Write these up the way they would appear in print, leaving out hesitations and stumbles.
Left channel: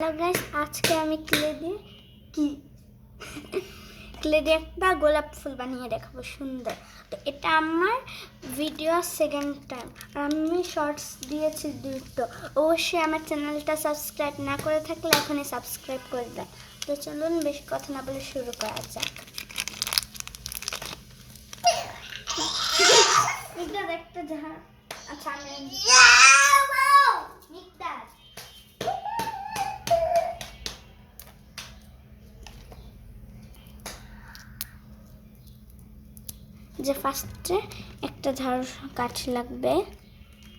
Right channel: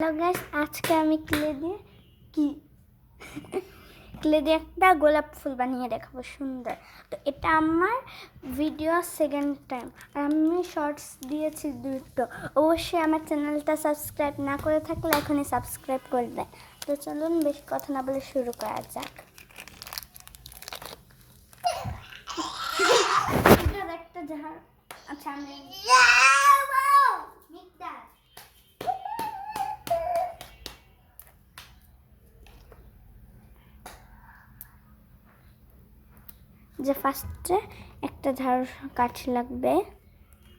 Hello guys, আজকে আমি clay দিয়ে একটা গোলাপ ফুল বানিয়ে দেখাবো সুন্দর। তো এটা আমার ভিডিও সেকেন্ড টাইম, আর আমি শর্টস দিয়েছি দুটো। অবশ্যই আমার চ্যানেলটা সাবস্ক্রাইব না করে থাকলে এখনই সাবস্ক্রাইব করবেন। তো চলুন বেশি কথা না বলে শুরু করা যাক। একটা জাহাজ, আচ্ছা আমি যে ফার্স্টে একটা ঝাড়ু কাঠি লাগবে।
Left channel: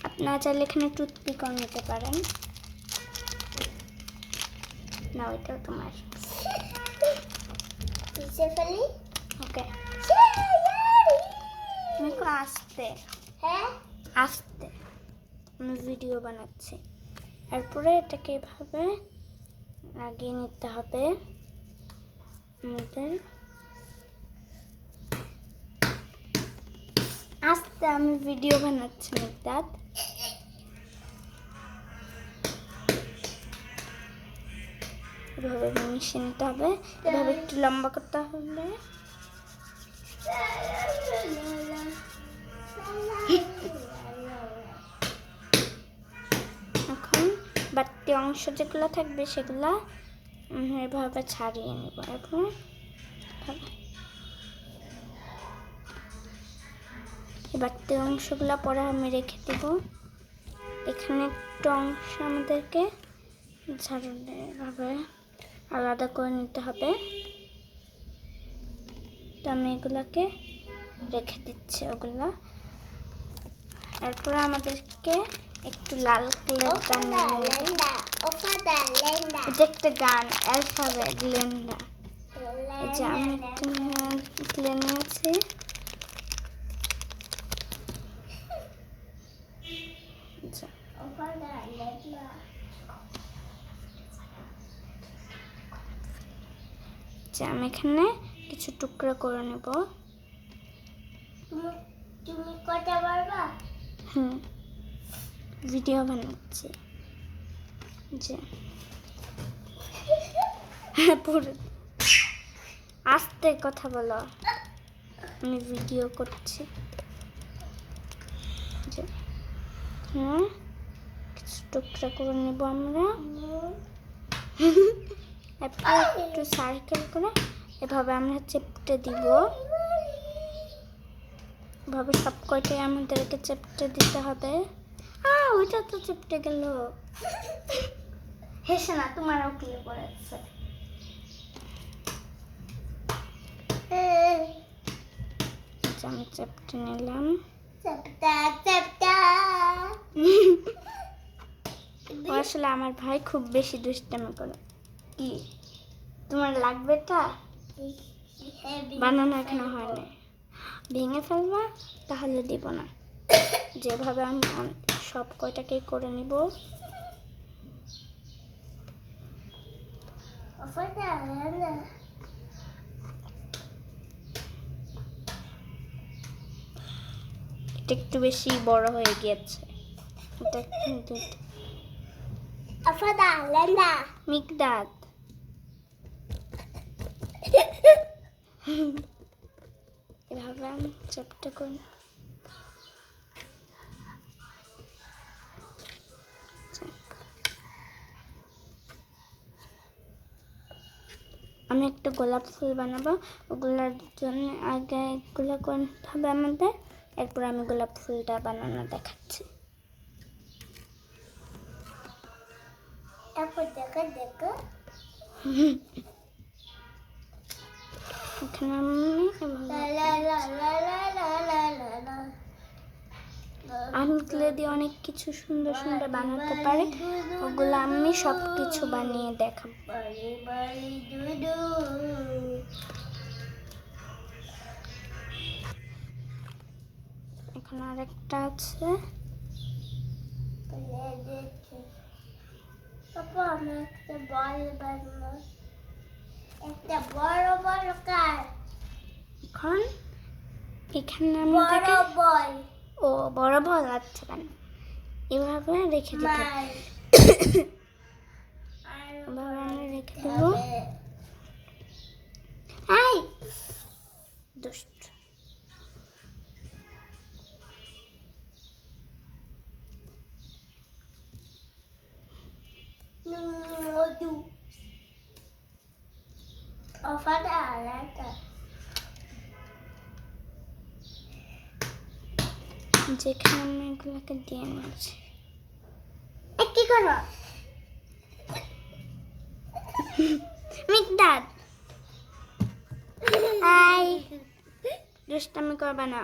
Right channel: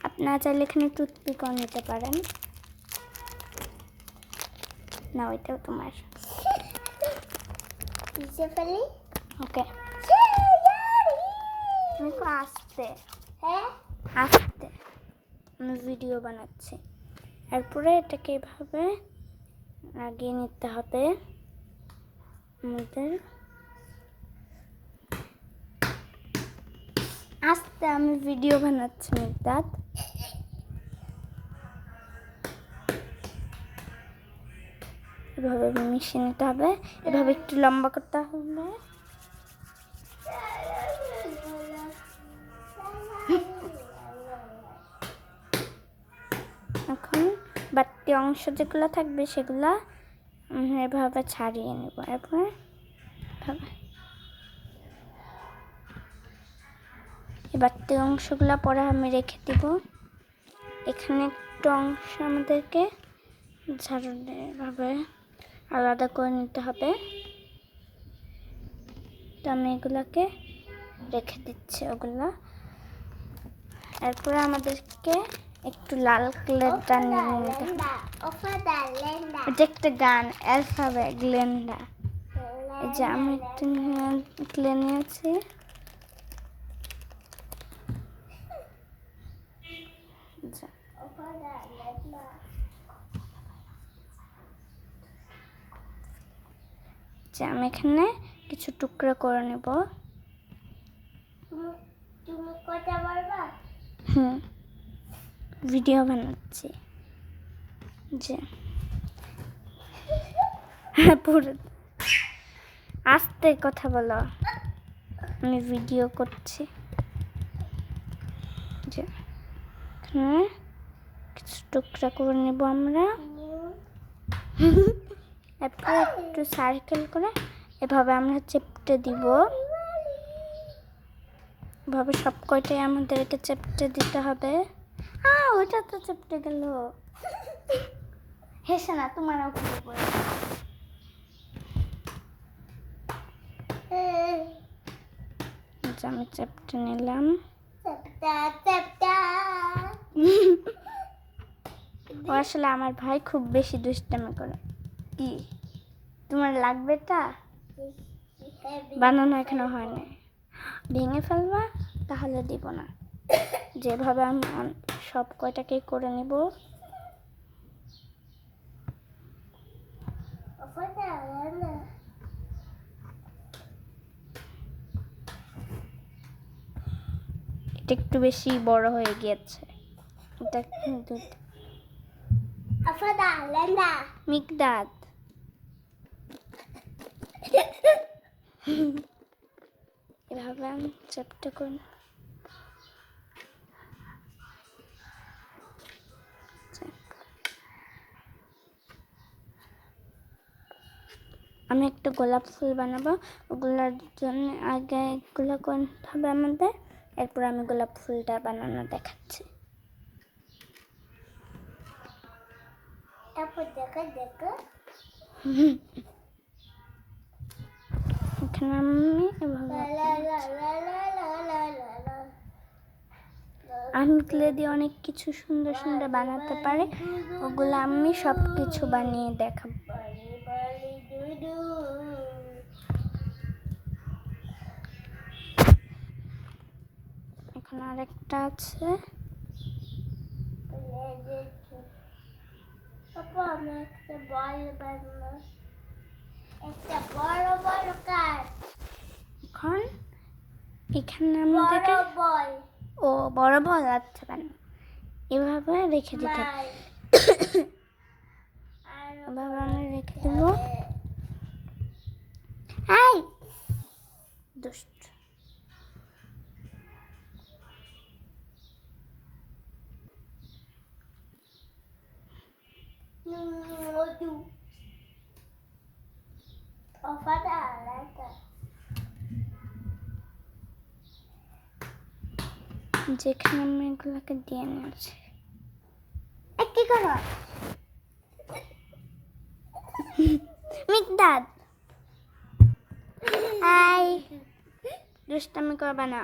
আপনারা চাইলে এখানে টুথপিকও নিতে পারেন। না, ওইটাও তোমার। ওকে, আমি আস্তে আস্তে আমি ভিডিও বানাচ্ছি। এরপরে এটাকে এভাবে লাগিয়ে নিতে হবে। আমাদের আস্তে আমি ভিডিও বানাচ্ছি মিকদাদ। এভাবে মিশিয়ে নিতে হবে, এভাবে একটু লম্বা করতে হবে। এখন বাড়তি অংশ যেগুলো থাকবে সেগুলো এভাবে ছাড়িয়ে নেব। এরপর বাড়তি অংশগুলো পরে আমি রেখে দেব। এখানে একটু অংশ আমাদেরকে ঝাড়ু এভাবে আলাদা করে নিতে হবে। তো আমি এগুলাকে রেখে দিচ্ছি ওগুলা। এরপরে আমাদেরকে একটু লাল কালার গান নিয়ে নেব। এটা একটা গান, অ্যালফাবেট লেন্ডা। এই যে আমি একটু ক্লে নিয়েছি। আমি এখানে কিছু টুকরো করে নেব। ভিডিও বানাচ্ছি যে পুরো আস্তে কথা বলো, আমি ভিডিও করছি। যে কিছু টুকরা করে নেব আমরা। এরপর একটু সার্কেল করে এভাবে আমরা চেপটে দিব। এভাবে সব কয়টাই আমাদের এটা চেপটে দিতে হবে। ওইটা তো চেপটে গেল। হেসে না, তোমারও খুলে পড়ে। আমি চেপটে নিলাম। আসলে আমার ভাই খুব বেশি দুষ্টামি করে। কি তোমার লাগবে? এটা বানানো এখনো হয়নি। ভেঙে ফেলবা? তাহলে দিব না। যেভাবে আমি সব কয়টাকে করে নিব। এটা একটু বেশি বড় হয়ে গিয়েছে। এটা মিকদাদ এভাবে আমি চেপটা করি। আমি একটা গোলাপ ফুল বানাবো। ওগুলোর জন্য আগে এগুলো করতে হবে আমাদের। এরপর আমি গোলাপ ফুলটা বানানো দেখাচ্ছি। এখানে আমি ক্লে দিয়ে অনেক কিছু সুন্দর সুন্দর বানাতে পারি। ওগুলো আমি সব কিছু বানিয়ে দেখাবো। এখানে আরেকটা আছে। এখন এখানে আমাদেরকে বড় বল আচ্ছা কেন এভাবে রেখে দিতে যেখানে আমি এগুলোকে দিয়ে নিয়েছি। কি করো মিকদাদ? হাই, দুষ্টামি করবা না।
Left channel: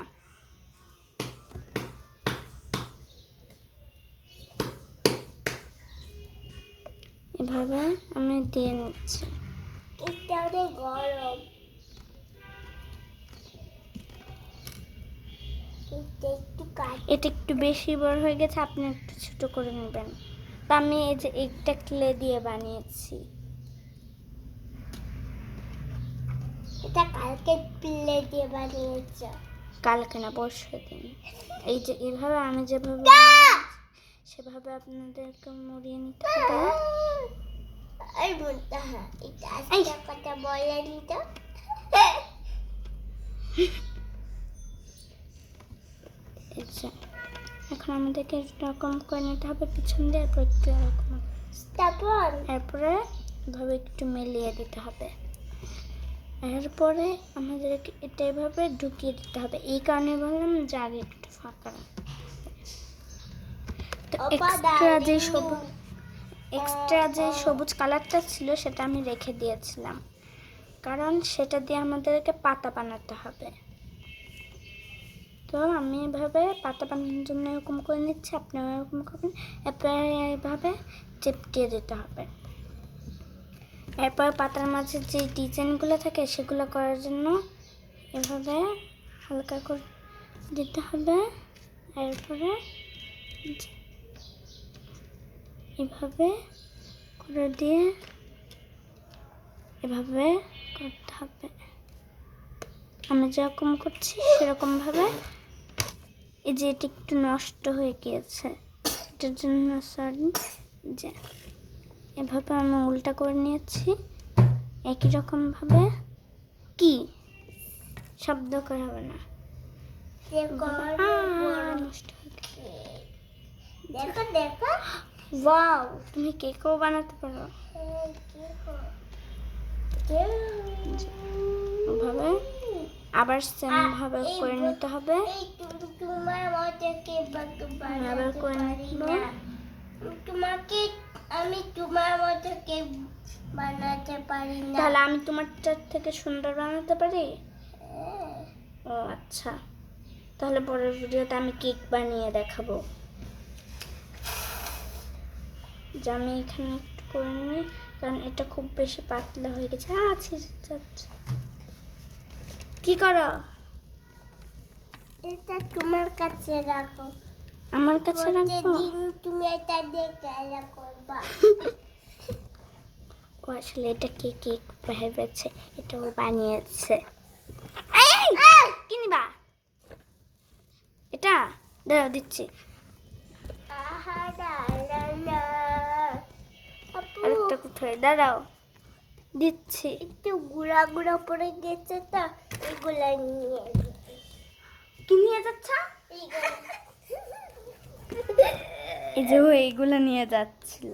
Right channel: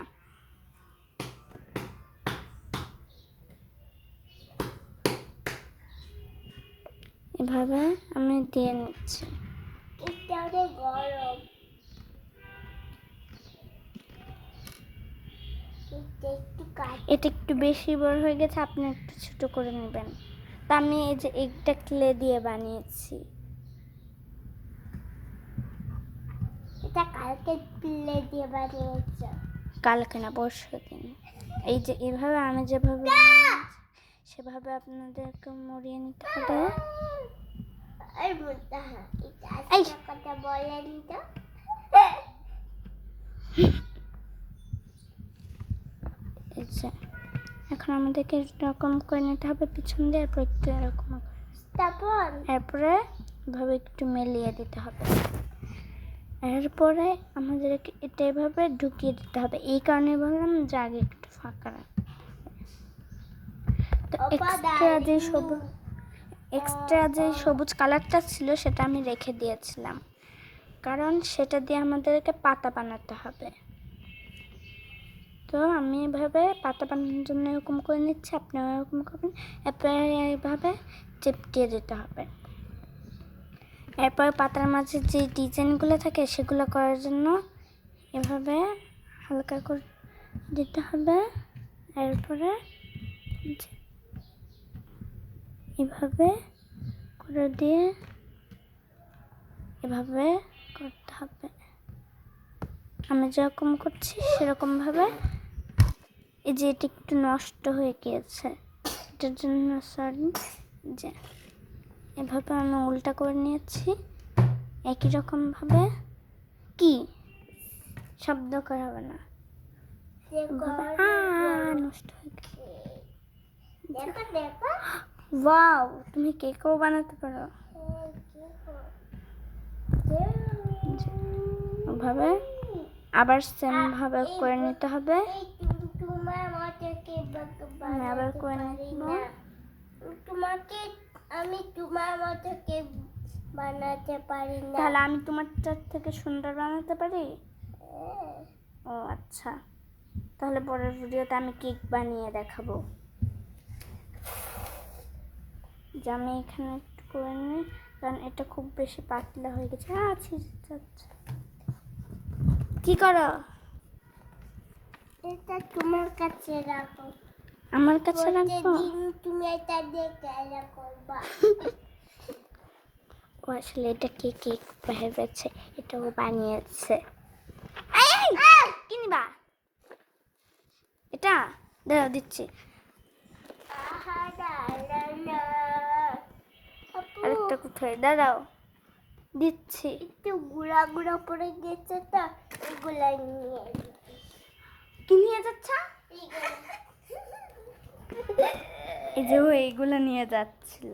এভাবে আমি দিয়ে নিচ্ছি। এটা অনেক গরম। এটা একটু বেশি বড় হয়ে গেছে, আপনি একটু ছোট করে নেবেন। তা আমি এই যে একটা ক্লে দিয়ে বানিয়েছি। এটা কালকে ক্লে দিয়ে বানিয়েছি। কালকে না, পরশু দিন। এই যে এভাবে আমি যেভাবে সেভাবে আপনাদেরকে মরিয়ে নিতে হবে। কথা বলেনি তো। এখন আমাদেরকে এরকম করে নিতে হবে পিছন দিয়ে, এরপর একটু এরকম, এরপরে এভাবে একটু মেলিয়ে দিতে হবে। এরপরে আমাদেরকে এটা এভাবে ঢুকিয়ে দিতে হবে। এই কারণে বললাম যে আগে একটু ফাঁকা রাখতে। তো এক্সট্রা যে সবুজ কালারটা ছিল সেটা আমি রেখে দিয়েছিলাম, কারণ সেটা দিয়ে আমাদেরকে পাতা বানাতে হবে। তো আমি এভাবে পাতা বানানোর জন্য এরকম করে নিচ্ছি, আপনারা এরকম করবেন। এরপর এইভাবে চিপকিয়ে দিতে হবে। এরপর পাতার মাঝে যে ডিজাইনগুলো থাকে সেগুলো করার জন্য এভাবে হালকা করে দিতে হবে। এরপরে এভাবে করে দিয়ে এভাবে করতে হবে। আমি যেরকম করছি সেরকমভাবে। এই যে এটি একটু নষ্ট হয়ে গিয়েছে, এটার জন্য সরি। যে এভাবে আমি উল্টা করে নিয়েছি একই রকমভাবে। কি শব্দ করা হবে না, নষ্ট হয়ে গেছে। দেখো দেখো, ওয়াও, তুমি কেকও বানাতে পারো। ওভাবে আবার সেম ভাবে করে নিতে হবে। আবার করে নিব। আমি তোমার মতো কেক বানাতে পারি না। তাহলে আমি তোমারটার থেকে সুন্দর বানাতে পারি? ও আচ্ছা, তাহলে পরের ভিডিওতে আমি কেক বানিয়ে দেখাবো। যে আমি এখানে একটু করে নিই, কারণ এটা খুব বেশি পাতলা হয়ে গেছে। কি করো? এটা তোমার কাছে রাখো। আমার কাছে রাখো? তুমি এটা দিয়ে খেলা করবা। ও আসলে এটা কেক ভেবেছে, এটাও বানিয়েছে। কি নিবা? এটা দাঁড়াও, দিচ্ছি। আরেকটা কোথায়? দাঁড়াও, দিচ্ছি। একটু গুঁড়া গুঁড়া পড়ে গেছে, তা এগুলা নিয়ে। কি নিয়ে যাচ্ছ? এই যে এইগুলো নিয়ে যাচ্ছিল।